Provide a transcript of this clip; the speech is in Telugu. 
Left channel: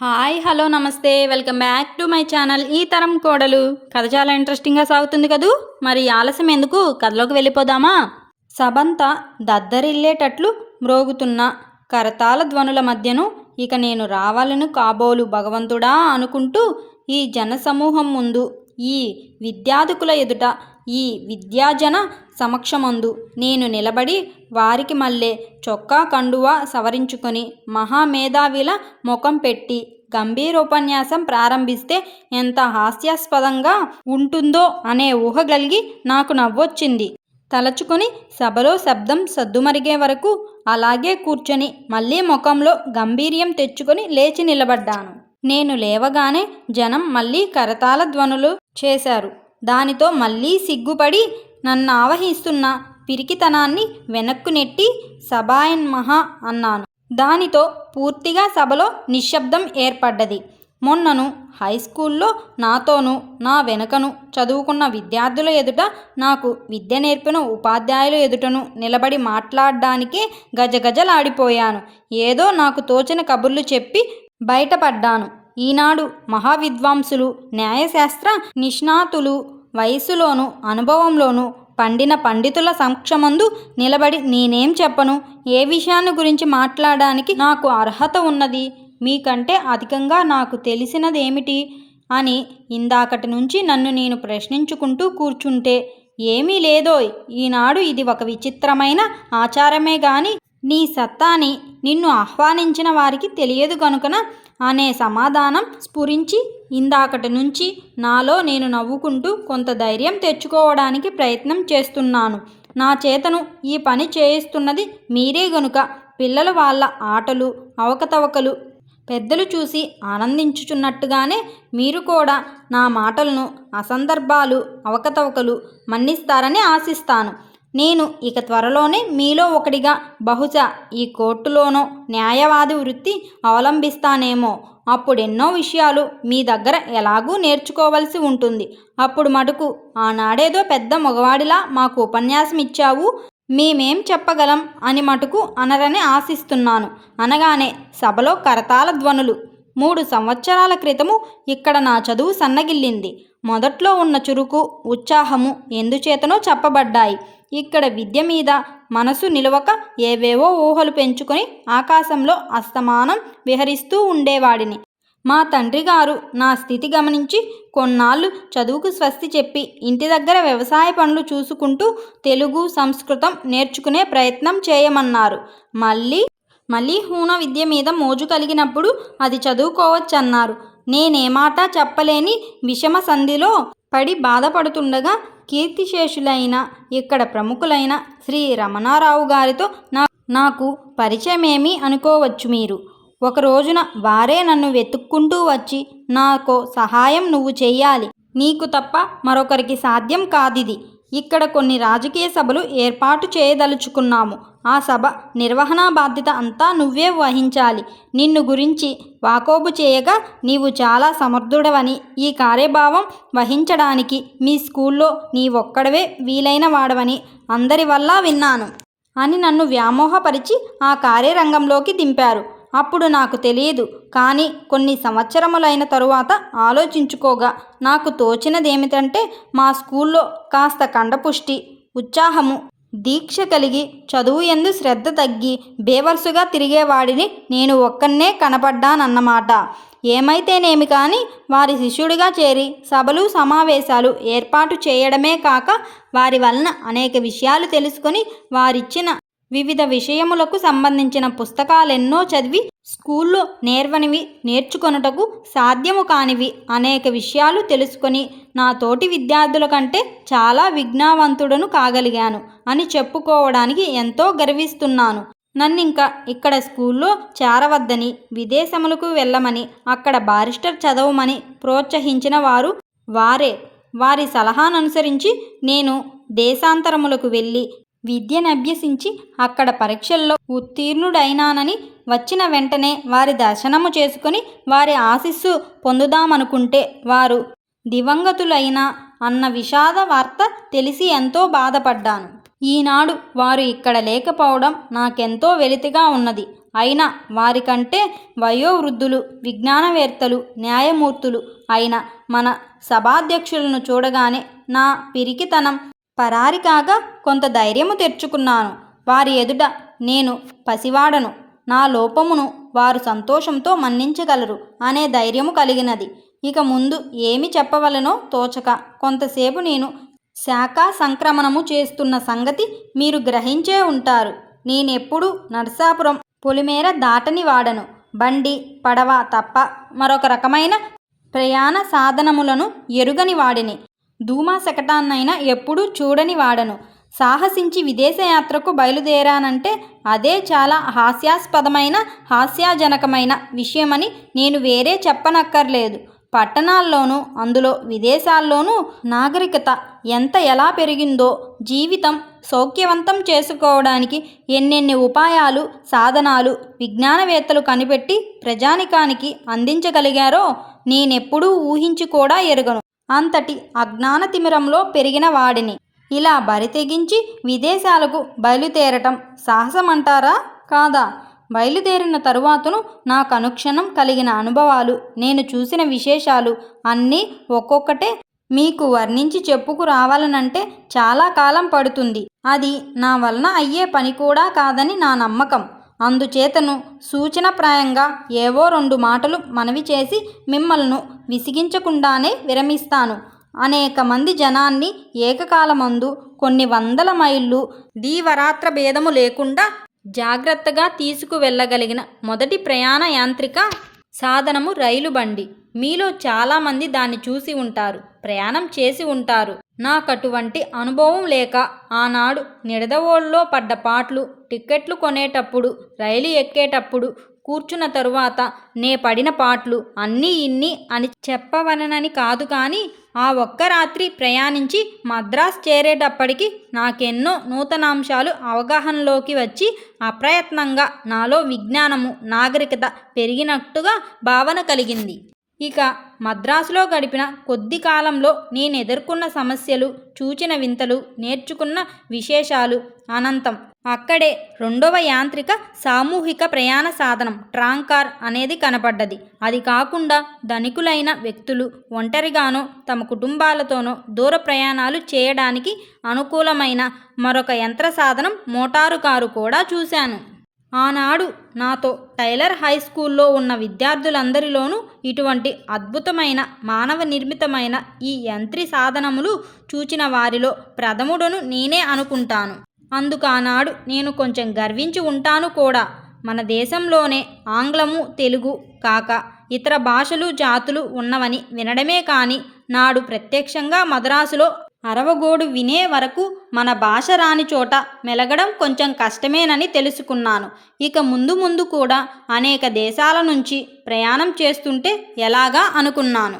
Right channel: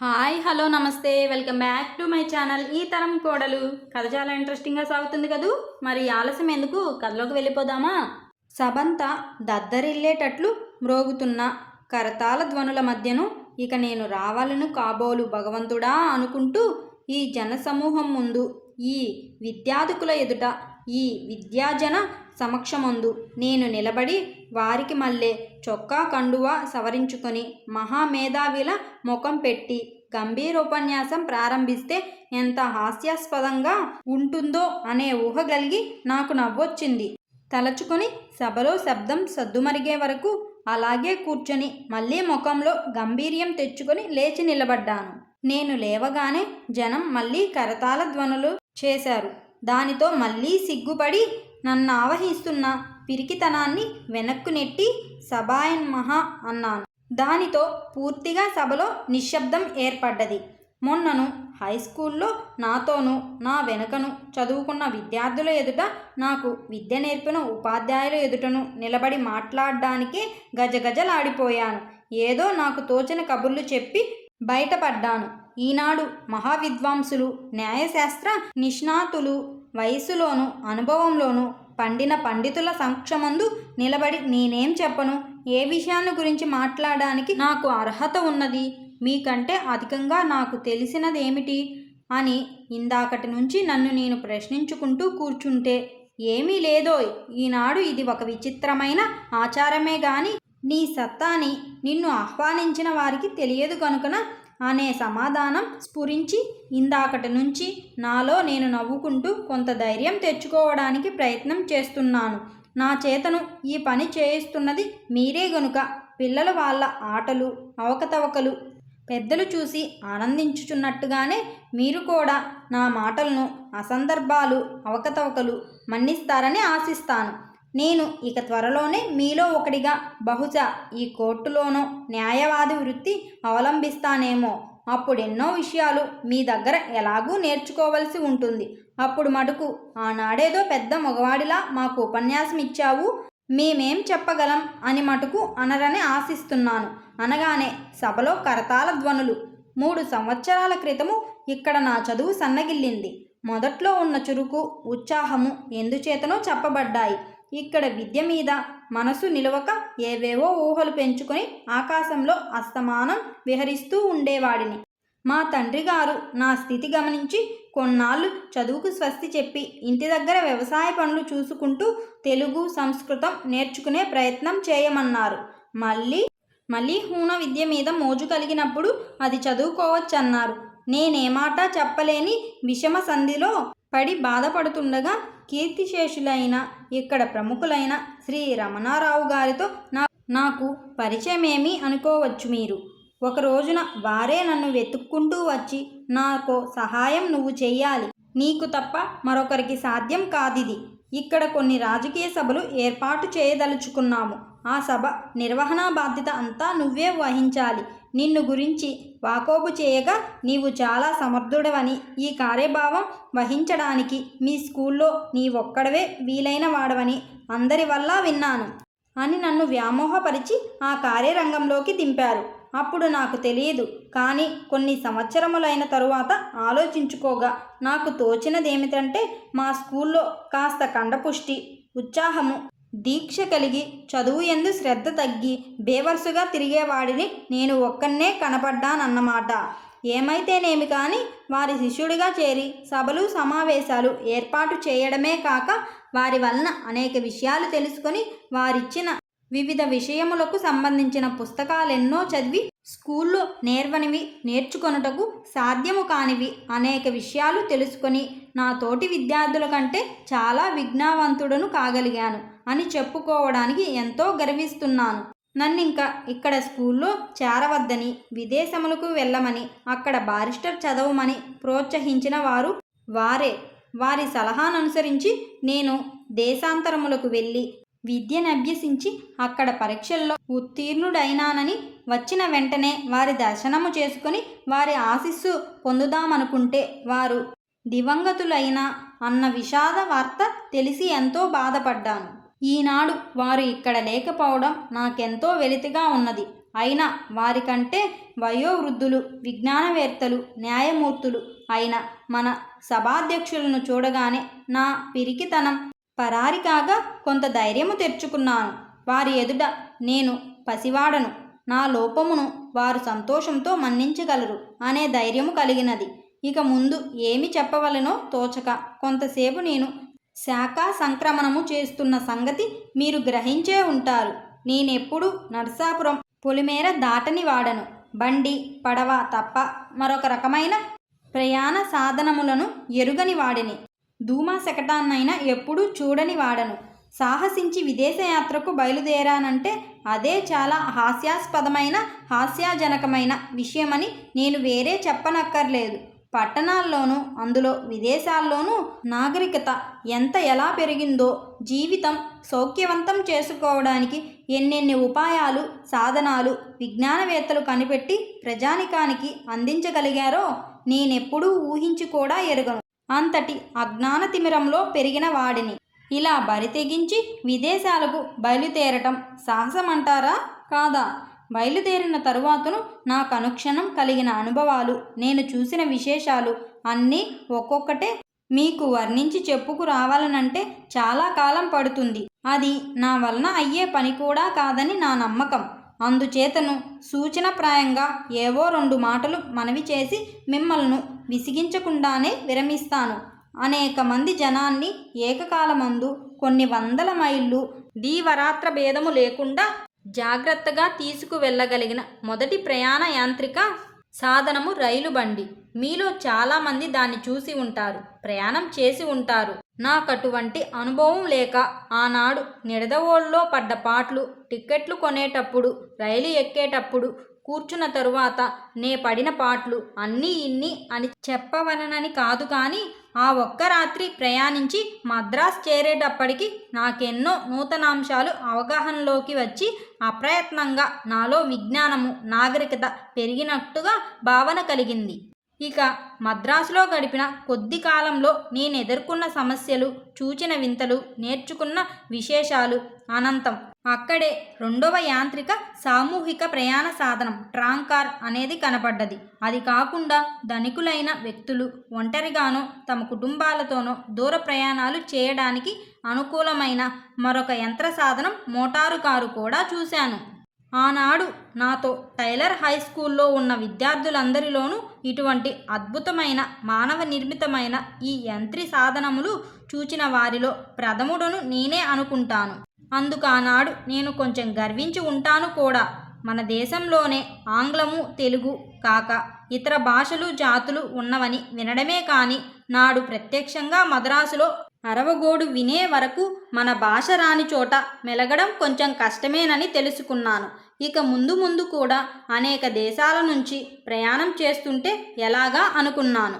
హాయ్ హలో నమస్తే. Welcome back to my channel ఈ తరం కోడలు. కథ చాలా ఇంట్రెస్టింగ్గా సాగుతుంది కదూ? మరి ఆలస్యం ఎందుకు? కథలోకి వెళ్ళిపోదామా? సబంత దద్దరిల్లేటట్లు మ్రోగుతున్న కరతాల ధ్వనుల మధ్యను ఇక నేను రావాలను కాబోలు భగవంతుడా అనుకుంటూ ఈ జనసమూహం ముందు ఈ విద్యాధికుల ఎదుట ఈ విద్యాజన సమక్షమందు నేను నిలబడి వారికి మళ్ళే చొక్కా కండువా సవరించుకొని మహామేధావిల ముఖం పెట్టి గంభీరోపన్యాసం ప్రారంభిస్తే ఎంత హాస్యాస్పదంగా ఉంటుందో అనే ఊహ కలిగి నాకు నవ్వొచ్చింది. తలచుకొని సభలో శబ్దం సద్దుమరిగే వరకు అలాగే కూర్చొని మళ్ళీ ముఖంలో గంభీర్యం తెచ్చుకొని లేచి నిలబడ్డాను. నేను లేవగానే జనం మళ్ళీ కరతాల ధ్వనులు చేశారు. దానితో మళ్ళీ సిగ్గుపడి నన్ను ఆవహిస్తున్న పిరికితనాన్ని వెనక్కు నెట్టి సబాయన్ మహా అన్నాను. దానితో పూర్తిగా సభలో నిశ్శబ్దం ఏర్పడ్డది. మొన్నను హై స్కూల్లో నాతోనూ నా వెనుకను చదువుకున్న విద్యార్థుల ఎదుట నాకు విద్య నేర్పిన ఉపాధ్యాయుల ఎదుటను నిలబడి మాట్లాడడానికే గజగజలాడిపోయాను. ఏదో నాకు తోచిన కబుర్లు చెప్పి బయటపడ్డాను. ఈనాడు మహావిద్వాంసులు న్యాయశాస్త్ర నిష్ణాతులు వయసులోను అనుభవంలోనూ పండిన పండితుల సంక్షమందు నిలబడి నేనేం చెప్పను? ఏ విషయాన్ని గురించి మాట్లాడడానికి నాకు అర్హత ఉన్నది? మీకంటే అధికంగా నాకు తెలిసినదేమిటి? అని ఇందాకటి నుంచి నన్ను నేను ప్రశ్నించుకుంటూ కూర్చుంటే ఏమీ లేదో ఈనాడు ఇది ఒక విచిత్రమైన ఆచారమే గాని నీ సత్తాని నిన్ను ఆహ్వానించిన వారికి తెలియదు కనుకన అనే సమాధానం స్ఫురించి ఇందాకటి నుంచి నాలో నేను నవ్వుకుంటూ కొంత ధైర్యం తెచ్చుకోవడానికి ప్రయత్నం చేస్తున్నాను. నా చేతను ఈ పని చేయిస్తున్నది మీరే గనుక. పిల్లల వాళ్ళ ఆటలు అవకతవకలు పెద్దలు చూసి ఆనందించుచున్నట్టుగానే మీరు కూడా నా మాటలను అసందర్భాలు అవకతవకలు మన్నిస్తారని ఆశిస్తాను. నేను ఇక త్వరలోనే మీలో ఒకడిగా బహుశా ఈ కోర్టులోనో న్యాయవాది వృత్తి అవలంబిస్తానేమో. అప్పుడెన్నో విషయాలు మీ దగ్గర ఎలాగూ నేర్చుకోవలసి ఉంటుంది. అప్పుడు మటుకు ఆనాడేదో పెద్ద మగవాడిలా మాకు ఉపన్యాసం ఇచ్చావు మేమేం చెప్పగలం అని మటుకు అనరని ఆశిస్తున్నాను. అనగానే సభలో కరతాల ధ్వనులు మూడు సంవత్సరాల క్రితము ఇక్కడ నా చదువు సన్నగిల్లింది. మొదట్లో ఉన్న చురుకు ఉత్సాహము ఎందుచేతనో చెప్పబడ్డాయి. ఇక్కడ విద్య మీద మనసు నిలవక ఏవేవో ఊహలు పెంచుకొని ఆకాశంలో అస్తమానం విహరిస్తూ ఉండేవాడిని. మా తండ్రి గారు నా స్థితి గమనించి కొన్నాళ్ళు చదువుకు స్వస్తి చెప్పి ఇంటి దగ్గర వ్యవసాయ పనులు చూసుకుంటూ తెలుగు సంస్కృతం నేర్చుకునే ప్రయత్నం చేయమన్నారు. మళ్ళీ మళ్ళీ హూన విద్య మీద మోజు కలిగినప్పుడు అది చదువుకోవచ్చన్నారు. నేనేమాట చెప్పలేని విషమ సంధిలో పడి బాధపడుతుండగా కీర్తిశేషులైన ఇక్కడ ప్రముఖులైన శ్రీ రమణారావు గారితో నా నాకు పరిచయమేమి అనుకోవచ్చు మీరు. ఒక రోజున వారే నన్ను వెతుక్కుంటూ వచ్చి నాకు సహాయం నువ్వు చెయ్యాలి. నీకు తప్ప మరొకరికి సాధ్యం కాదిది. ఇక్కడ కొన్ని రాజకీయ సభలు ఏర్పాటు చేయదలుచుకున్నాము. ఆ సభ నిర్వహణా బాధ్యత అంతా నువ్వే వహించాలి. నిన్ను గురించి వాకోబు చేయగా నీవు చాలా సమర్థుడవని ఈ కార్యభావం వహించడానికి మీ స్కూల్లో నీ ఒక్కడవే వీలైన వాడవని అందరి వల్ల విన్నాను. అని నన్ను వ్యామోహపరిచి ఆ కార్యరంగంలోకి దింపారు. అప్పుడు నాకు తెలియదు. కానీ కొన్ని సంవత్సరములైన తరువాత ఆలోచించుకోగా నాకు తోచినదేమిటంటే మా స్కూల్లో కాస్త కండపుష్టి ఉత్సాహము దీక్ష కలిగి చదువు ఎందు శ్రద్ధ తగ్గి బేవర్సుగా తిరిగేవాడిని నేను ఒక్కనే కనపడ్డానన్నమాట. ఏమైతేనేమి కానీ వారి శిష్యుడిగా చేరి సభలు సమావేశాలు ఏర్పాటు చేయడమే కాక వారి వలన అనేక విషయాలు తెలుసుకొని వారిచ్చిన వివిధ విషయములకు సంబంధించిన పుస్తకాలెన్నో చదివి స్కూల్లో నేర్వనివి నేర్చుకొనుటకు సాధ్యము కానివి అనేక విషయాలు తెలుసుకొని నా తోటి విద్యార్థుల కంటే చాలా విజ్ఞావంతుడను కాగలిగాను అని చెప్పుకోవడానికి ఎంతో గర్విస్తున్నాను. నన్నింకా ఇక్కడ స్కూల్లో చేరవద్దని విదేశములకు వెళ్ళమని అక్కడ బారిస్టర్ చదవమని ప్రోత్సహించిన వారు వారే. వారి సలహాను అనుసరించి నేను దేశాంతరములకు వెళ్ళి విద్యను అభ్యసించి అక్కడ పరీక్షల్లో ఉత్తీర్ణుడైనానని వచ్చిన వెంటనే వారి దర్శనము చేసుకుని వారి ఆశీస్సు పొందుదామనుకుంటే వారు దివంగతులైన అన్న విషాద వార్త తెలిసి ఎంతో బాధపడ్డాను. ఈనాడు వారు ఇక్కడ లేకపోవడం నాకెంతో వెలితిగా ఉన్నది. అయినా వారికంటే వయోవృద్ధులు విజ్ఞానవేత్తలు న్యాయమూర్తులు అయిన మన సభాధ్యక్షులను చూడగానే నా పిరికితనం పరారి కాగా కొంత ధైర్యము తెచ్చుకున్నాను. వారి ఎదుట నేను పసివాడను. నా లోపమును వారు సంతోషంతో మన్నించగలరు అనే ధైర్యము కలిగినది. ఇక ముందు ఏమి చెప్పవలనో తోచక కొంతసేపు నేను శాఖా సంక్రమణము చేస్తున్న సంగతి మీరు గ్రహించే ఉంటారు. నేనెప్పుడు నరసాపురం పొలిమేర దాటని వాడను. బండి పడవ తప్ప మరొక రకమైన ప్రయాణ సాధనములను ఎరుగని వాడిని. ధూమా శకటాన్నైనా ఎప్పుడూ చూడని వాడను. సాహసించి విదేశయాత్రకు బయలుదేరానంటే అదే చాలా హాస్యాస్పదమైన హాస్యాజనకమైన విషయమని నేను వేరే చెప్పనక్కర్లేదు. పట్టణాల్లోనూ అందులో విదేశాల్లోనూ నాగరికత ఎంత ఎలా పెరిగిందో జీవితం సౌఖ్యవంతం చేసుకోవడానికి ఎన్నెన్ని ఉపాయాలు సాధనాలు విజ్ఞానవేత్తలు కనిపెట్టి ప్రజానికానికి అందించగలిగారో నేనెప్పుడూ ఊహించి కూడా ఎరుగను. అంతటి అజ్ఞాన తిమిరంలో పెరిగిన వాడిని. ఇలా బరి తెగించి విదేశాలకు బయలుదేరటం సాహసమంటారా? కాదా? బయలుదేరిన తరువాతను నాకు అనుక్షణం కలిగిన అనుభవాలు నేను చూసిన విశేషాలు అన్నీ ఒక్కొక్కటే మీకు వర్ణించి చెప్పుకు రావాలనంటే చాలా కాలం పడుతుంది. అది నా వలన అయ్యే పని కూడా కాదని నా నమ్మకం. అందుచేతను సూచనప్రాయంగా ఏవో రెండు మాటలు మనవి చేసి మిమ్మల్ని విసిగించకుండానే విరమిస్తాను. అనేక మంది జనాన్ని ఏకకాలమందు కొన్ని వందల మైళ్ళు దీవరాత్ర భేదము లేకుండా జాగ్రత్తగా తీసుకువెళ్ళగలిగిన మొదటి ప్రయాణ యాంత్రిక సాధనము రైలు బండి. మీలో చాలామంది దాన్ని చూసి ఉంటారు ప్రయాణం చేసి ఉంటారు. నాకు అటువంటి అనుభవం లేక ఆనాడు నిడదవోళ్ళలో పడ్డ పాటలు టిక్కెట్లు కొనేటప్పుడు రైలు ఎక్కేటప్పుడు కూర్చున్న తరువాత నే పడిన పాటలు అన్నీ ఇన్ని అని చెప్పవలనని కాదు కానీ ఆ ఒక్క రాత్రి ప్రయాణించి మద్రాస్ చేరేటప్పటికి నాకెన్నో నూతనాంశాలు అవగాహనలోకి వచ్చి అప్రయత్నంగా నాలో విజ్ఞానము నాగరికత పెరిగినట్టుగా భావన కలిగింది. ఇక మద్రాసులో గడిపిన కొద్ది కాలంలో నేను ఎదుర్కొన్న సమస్యలు చూచిన వింతలు నేర్చుకున్న విశేషాలు. అనంతం. అక్కడే రెండవ యాంత్రిక సామూహిక ప్రయాణ సాధనం ట్రాంకార్ అనేది కనపడ్డది అది కాకుండా ధనికులైన వ్యక్తులు ఒంటరిగానో తమ కుటుంబాలతోనో దూర ప్రయాణాలు చేయడానికి అనుకూలమైన మరొక యంత్ర సాధనం మోటారు కారు కూడా చూశాను. ఆనాడు నాతో టైలర్ హై స్కూల్లో ఉన్న విద్యార్థులందరిలోనూ ఇటువంటి అద్భుతమైన మానవ నిర్మితమైన ఈ యంత్రి సాధనములు చూచిన వారిలో ప్రథముడను నేనే అనుకుంటాను. అందుకు ఆనాడు నేను కొంచెం గర్వించి ఉంటాను కూడా. మన దేశంలోనే ఆంగ్లము తెలుగు కాక ఇతర భాషలు జాతులు ఉన్నవని వినడమే కానీ నాడు ప్రత్యక్షంగా మద్రాసులో అరవగోడు వినే వరకు మన భాష రాని చోట మెలగడం కొంచెం కష్టమేనని తెలుసుకున్నాను. ఇక ముందు ముందు కూడా అనేక దేశాల నుంచి ప్రయాణం చేస్తుంటే ఎలాగా అనుకున్నాను.